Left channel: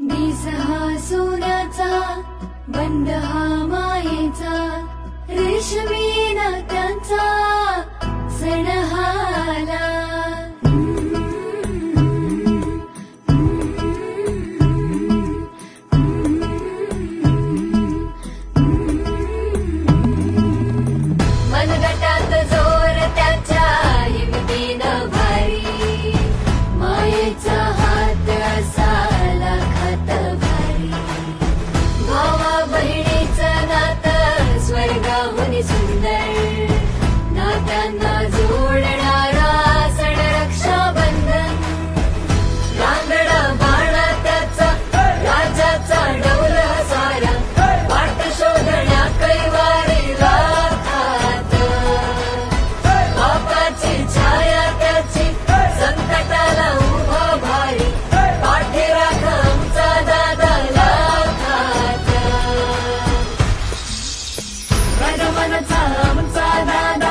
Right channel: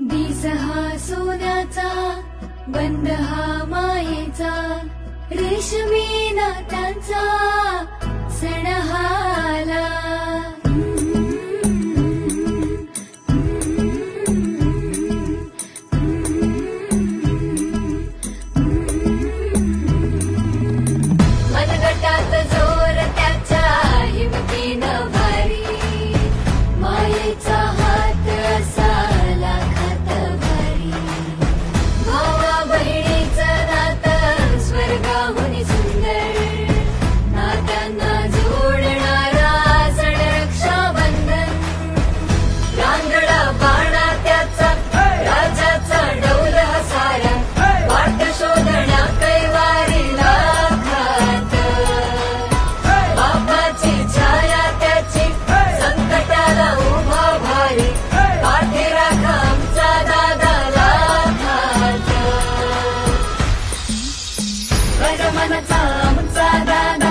दिस हा सोन्याचा, बंध हा मायेचा, रेशमी नात्यांचा सण हा आला. मनगटात जोर त्याच्या हिमतीनं भारी, मायेचा हात असा लाखात भारी. भावा बहिणीचं नातं स्वर्गाहून सुंदर, नात्यांना जोडणारा सण रक्षाबंधन. रांगडा बाणा त्याचा, राजाचा डौल सारा, वाट शोधण्या कैवारी लाखात. बापाची छाया त्याची, संकटाला उभा भारी, पाठी राखा आमचा दादा लाखात. रगमनचा आमचा दादा